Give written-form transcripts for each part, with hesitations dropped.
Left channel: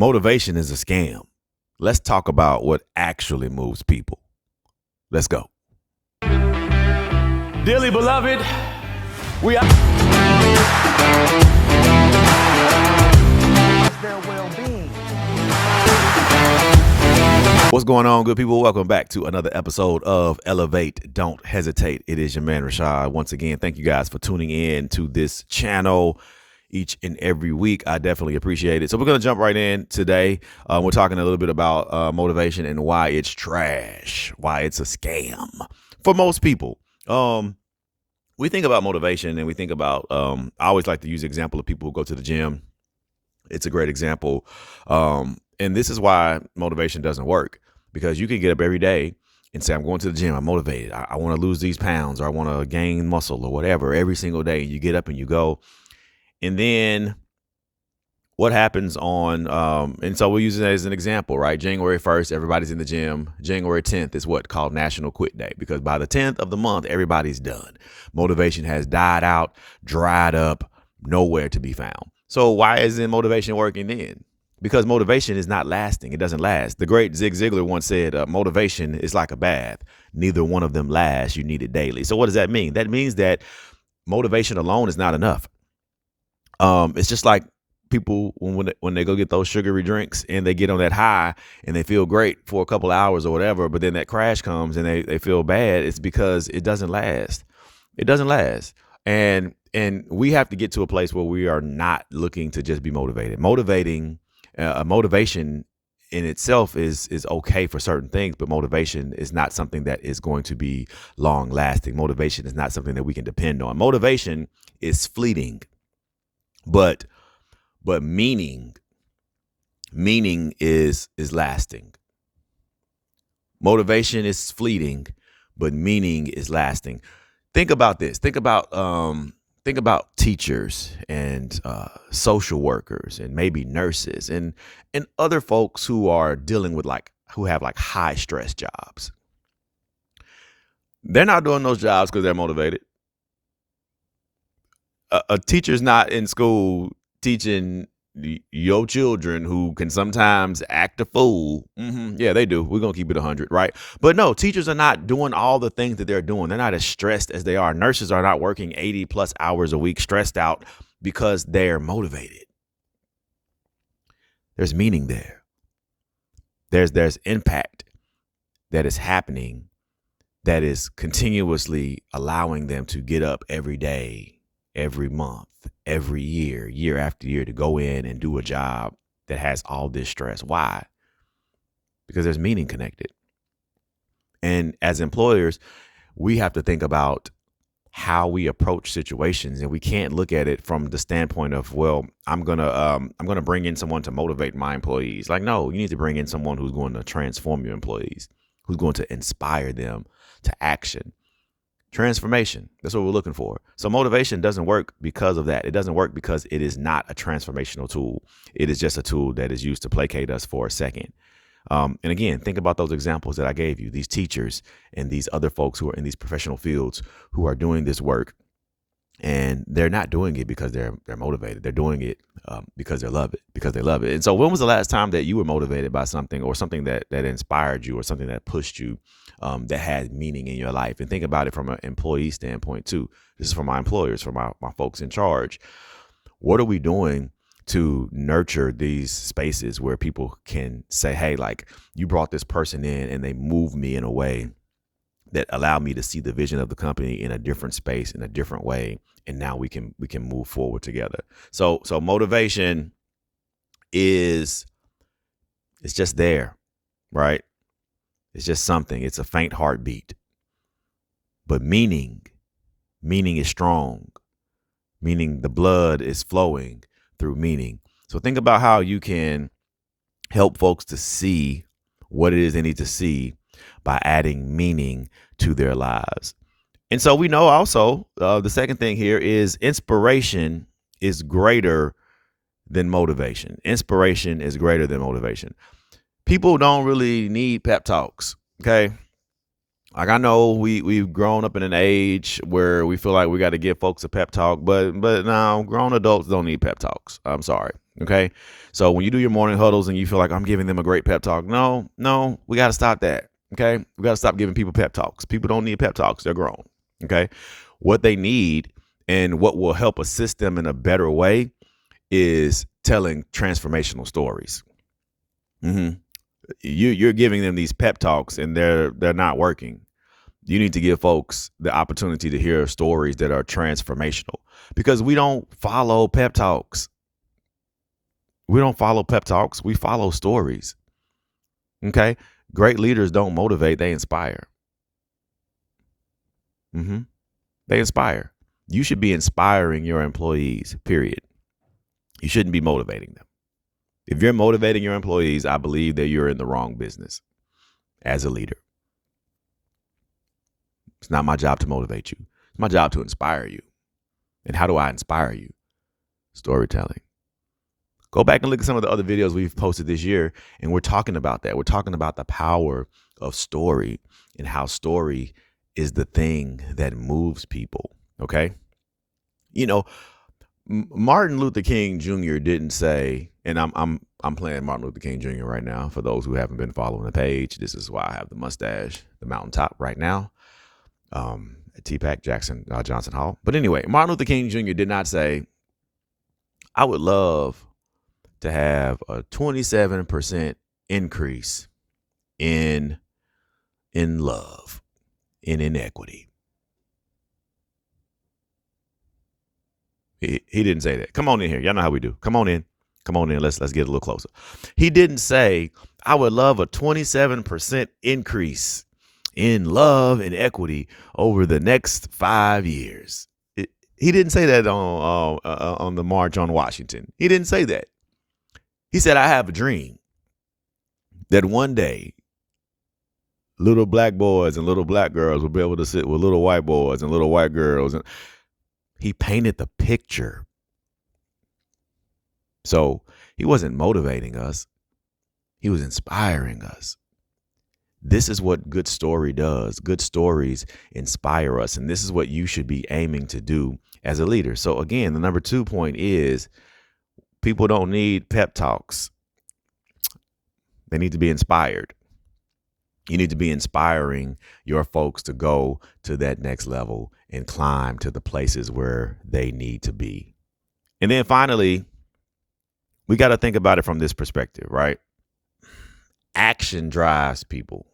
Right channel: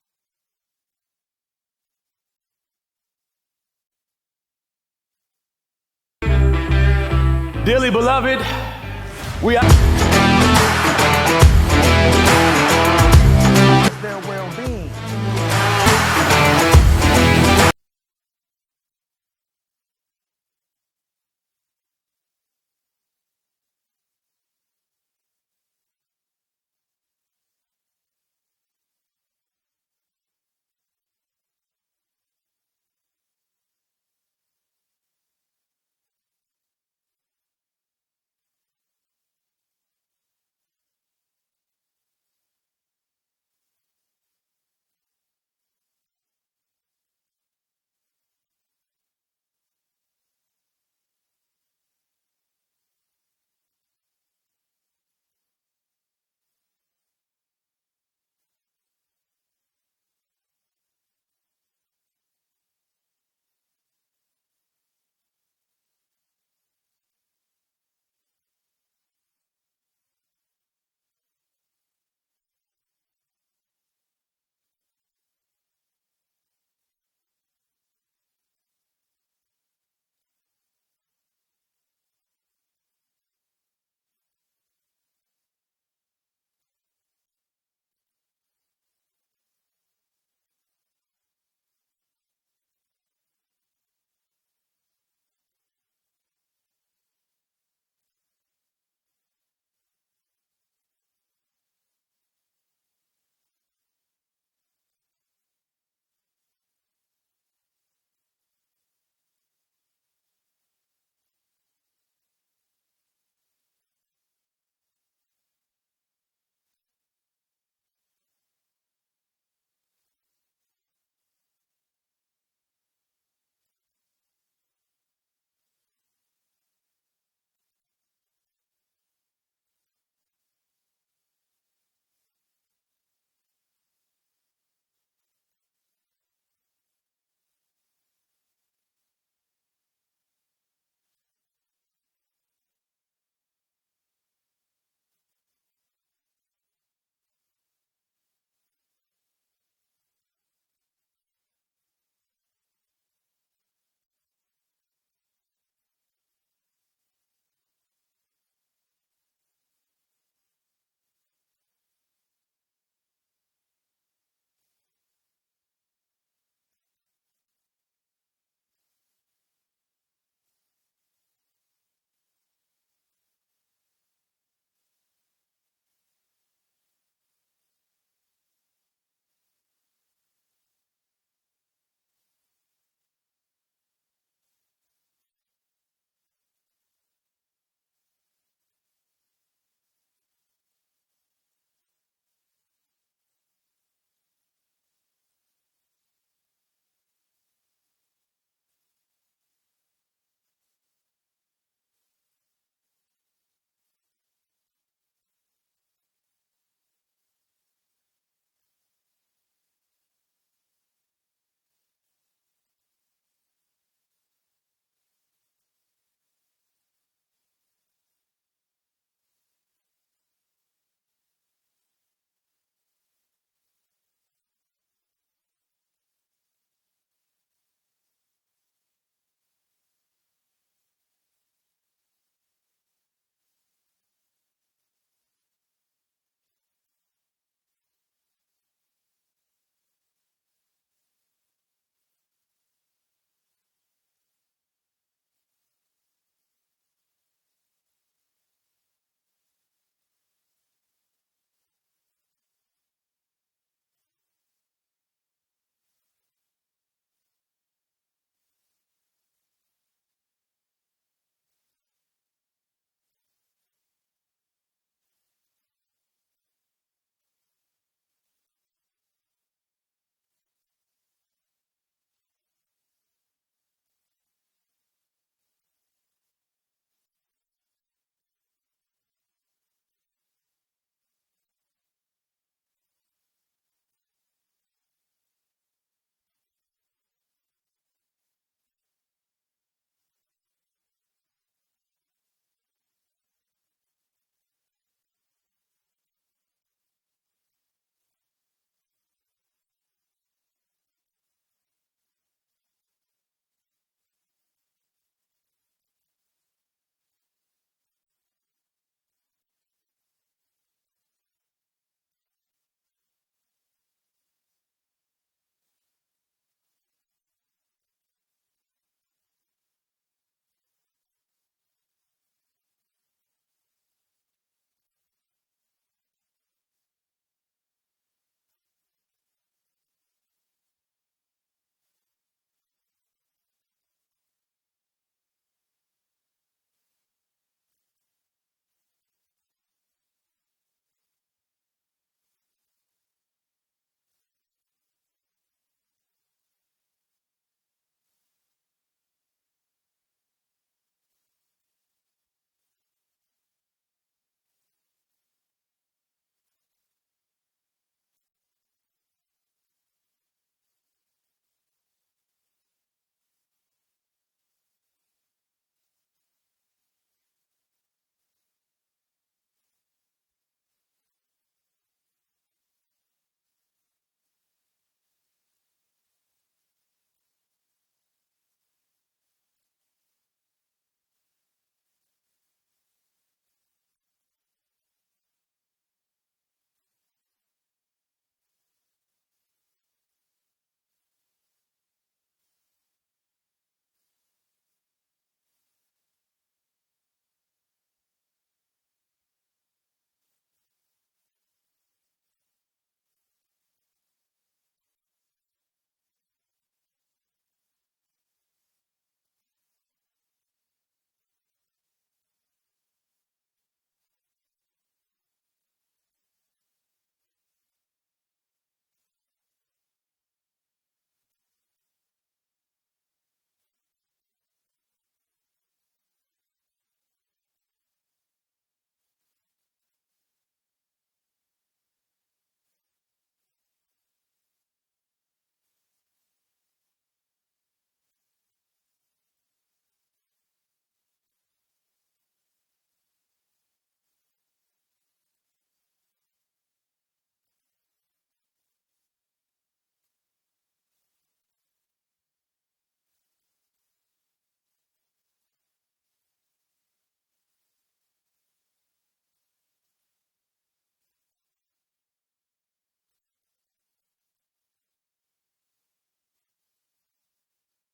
Motivation is a scam. Let's talk about what actually moves people. Let's go. Dearly beloved, we are their well-being. What's going on, good people? Welcome back to another episode of Elevate. Don't hesitate. It is your man, Rashad. Once again, thank you guys for tuning in to this channel each and every week. I definitely appreciate it. So we're going to jump right in today. We're talking a little bit about motivation and why it's trash, why it's a scam for most people. We think about motivation and we think about, I always like to use the example of people who go to the gym. It's a great example. And this is why motivation doesn't work, because you can get up every day and say, I'm going to the gym. I'm motivated. I want to lose these pounds, or I want to gain muscle, or whatever, every single day. You get up and you go. And then what happens on, and so we'll use it as an example, right? January 1st, everybody's in the gym. January 10th is what called National Quit Day, because by the 10th of the month, everybody's done. Motivation has died out, dried up, nowhere to be found. So why isn't motivation working then? Because motivation is not lasting. It doesn't last. The great Zig Ziglar once said, motivation is like a bath. Neither one of them lasts. You need it daily. So what does that mean? That means that motivation alone is not enough. It's just like people when they go get those sugary drinks and they get on that high and they feel great for a couple hours or whatever, but then that crash comes and they feel bad. It's because it doesn't last. It doesn't last. And we have to get to a place where we are not looking to just be motivated. Motivation in itself is okay for certain things, but motivation is not something that is going to be long lasting. Motivation is not something that we can depend on. Motivation is fleeting, but meaning is lasting. Motivation is fleeting, but meaning is lasting. Think about this. Think about teachers and social workers and maybe nurses and other folks who are dealing with who have high stress jobs. They're not doing those jobs because they're motivated. A teacher's not in school teaching your children who can sometimes act a fool. Yeah, they do. We're going to keep it 100, right? But no, teachers are not doing all the things that they're doing. They're not as stressed as they are. Nurses are not working 80 plus hours a week stressed out because they're motivated. There's meaning there. There's impact that is happening that is continuously allowing them to get up every day, every month, every year after year, to go in and do a job that has all this stress. Why? Because there's meaning connected. And as employers, we have to think about how we approach situations, and we can't look at it from the standpoint of, well, I'm gonna bring in someone to motivate my employees. No, you need to bring in someone who's going to transform your employees, who's going to inspire them to action. Transformation. That's what we're looking for. So motivation doesn't work because of that. It doesn't work because it is not a transformational tool. It is just a tool that is used to placate us for a second. And again, think about those examples that I gave you, these teachers and these other folks who are in these professional fields who are doing this work, and they're not doing it because they're motivated. They're doing it because they love it. And so when was the last time that you were motivated by something, or something that inspired you, or something that pushed you, that had meaning in your life? And think about it from an employee standpoint too. This is for my employers, for my folks in charge. What are we doing to nurture these spaces where people can say, hey, you brought this person in and they moved me in a way that allowed me to see the vision of the company in a different space, in a different way, and now we can move forward together. So motivation it's just there, right? It's just something. It's a faint heartbeat. But meaning is strong. Meaning, the blood is flowing through meaning. So think about how you can help folks to see what it is they need to see by adding meaning to their lives. And so we know also the second thing here is inspiration is greater than motivation. Inspiration is greater than motivation. People don't really need pep talks, okay? Like, I know we've grown up in an age where we feel like we got to give folks a pep talk, but now grown adults don't need pep talks. I'm sorry. Okay. So when you do your morning huddles and you feel like I'm giving them a great pep talk, no, we got to stop that. Okay. We got to stop giving people pep talks. People don't need pep talks. They're grown. Okay. What they need and what will help assist them in a better way is telling transformational stories. Mm-hmm. You're giving them these pep talks and they're not working. You need to give folks the opportunity to hear stories that are transformational, because we don't follow pep talks. We don't follow pep talks. We follow stories. Okay. Great leaders don't motivate, they inspire. They inspire. You should be inspiring your employees, period. You shouldn't be motivating them. If you're motivating your employees, I believe that you're in the wrong business as a leader. It's not my job to motivate you. It's my job to inspire you. And how do I inspire you? Storytelling. Go back and look at some of the other videos we've posted this year, and we're talking about that. We're talking about the power of story and how story is the thing that moves people. Okay. You know, Martin Luther King Jr. didn't say, and I'm playing Martin Luther King Jr. right now. For those who haven't been following the page, this is why I have the mustache, the mountaintop right now. At TPAC Jackson Johnson Hall. But anyway, Martin Luther King Jr. did not say, I would love to have a 27% increase in love, in inequity. He didn't say that. Come on in here. Y'all know how we do. Come on in. Let's get a little closer. He didn't say, I would love a 27% increase in love and equity over the next 5 years. He didn't say that on the March on Washington. He didn't say that. He said, I have a dream that one day little black boys and little black girls will be able to sit with little white boys and little white girls. And he painted the picture. So he wasn't motivating us. He was inspiring us. This is what good story does. Good stories inspire us. And this is what you should be aiming to do as a leader. So again, the number 2 point is people don't need pep talks. They need to be inspired. You need to be inspiring your folks to go to that next level and climb to the places where they need to be. And then finally, we got to think about it from this perspective, right? Action drives people.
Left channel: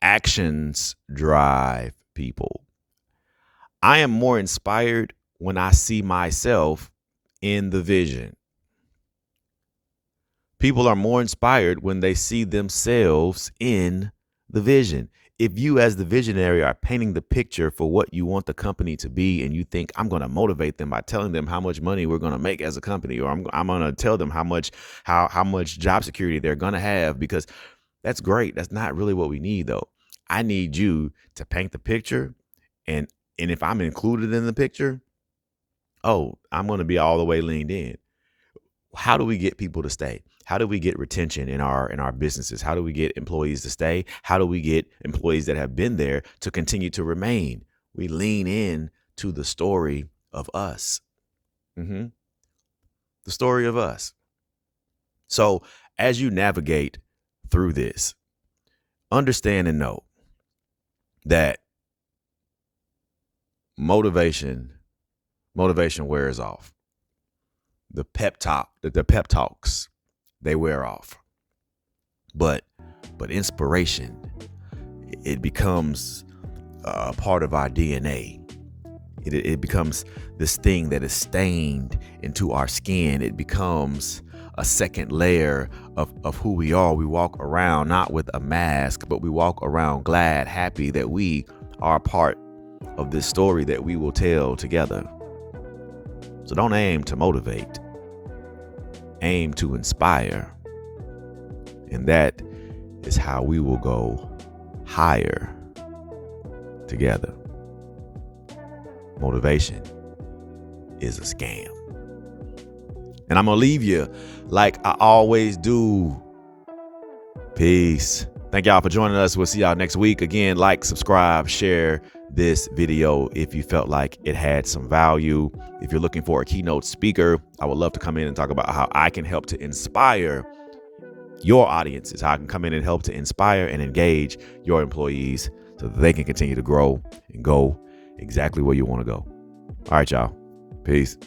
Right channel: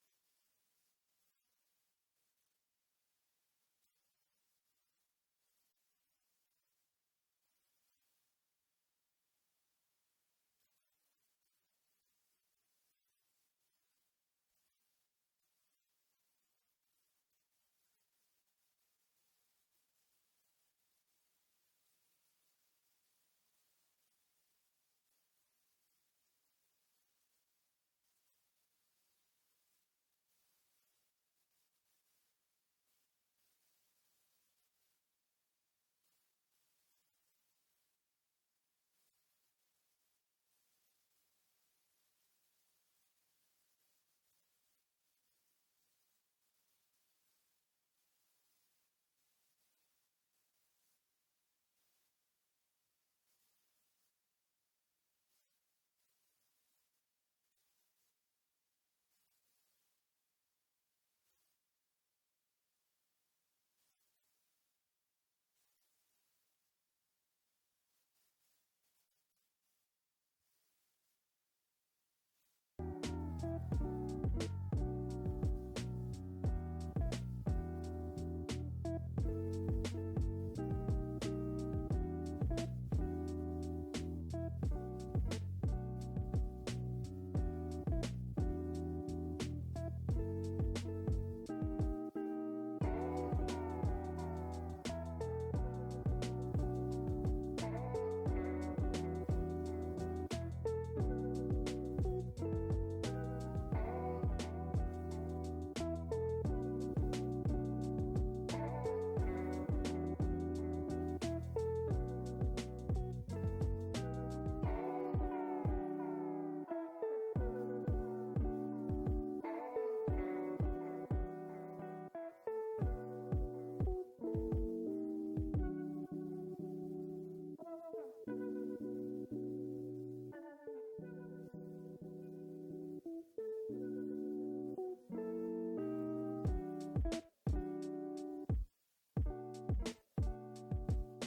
Actions drive people. I am more inspired when I see myself in the vision. People are more inspired when they see themselves in the vision. If you as the visionary are painting the picture for what you want the company to be, and you think I'm going to motivate them by telling them how much money we're going to make as a company, or I'm going to tell them how much job security they're going to have, because that's great. That's not really what we need, though. I need you to paint the picture, and if I'm included in the picture, I'm going to be all the way leaned in. How do we get people to stay? How do we get retention in our businesses? How do we get employees to stay? How do we get employees that have been there to continue to remain? We lean in to the story of us. The story of us. So as you navigate through this, understand and know that motivation wears off. The pep talks, they wear off. But inspiration, it becomes a part of our DNA. It becomes this thing that is stained into our skin. It becomes a second layer of who we are. We walk around not with a mask, but we walk around glad, happy that we are a part of this story that we will tell together. So don't aim to motivate. Aim to inspire. And that is how we will go higher together. Motivation is a scam. And I'm going to leave you like I always do Peace. Thank y'all for joining us. We'll see y'all next week. Again, like, subscribe, share this video if you felt like it had some value. If you're looking for a keynote speaker, I would love to come in and talk about how I can help to inspire your audiences, how I can come in and help to inspire and engage your employees so that they can continue to grow and go exactly where you want to go. All right, y'all. Peace.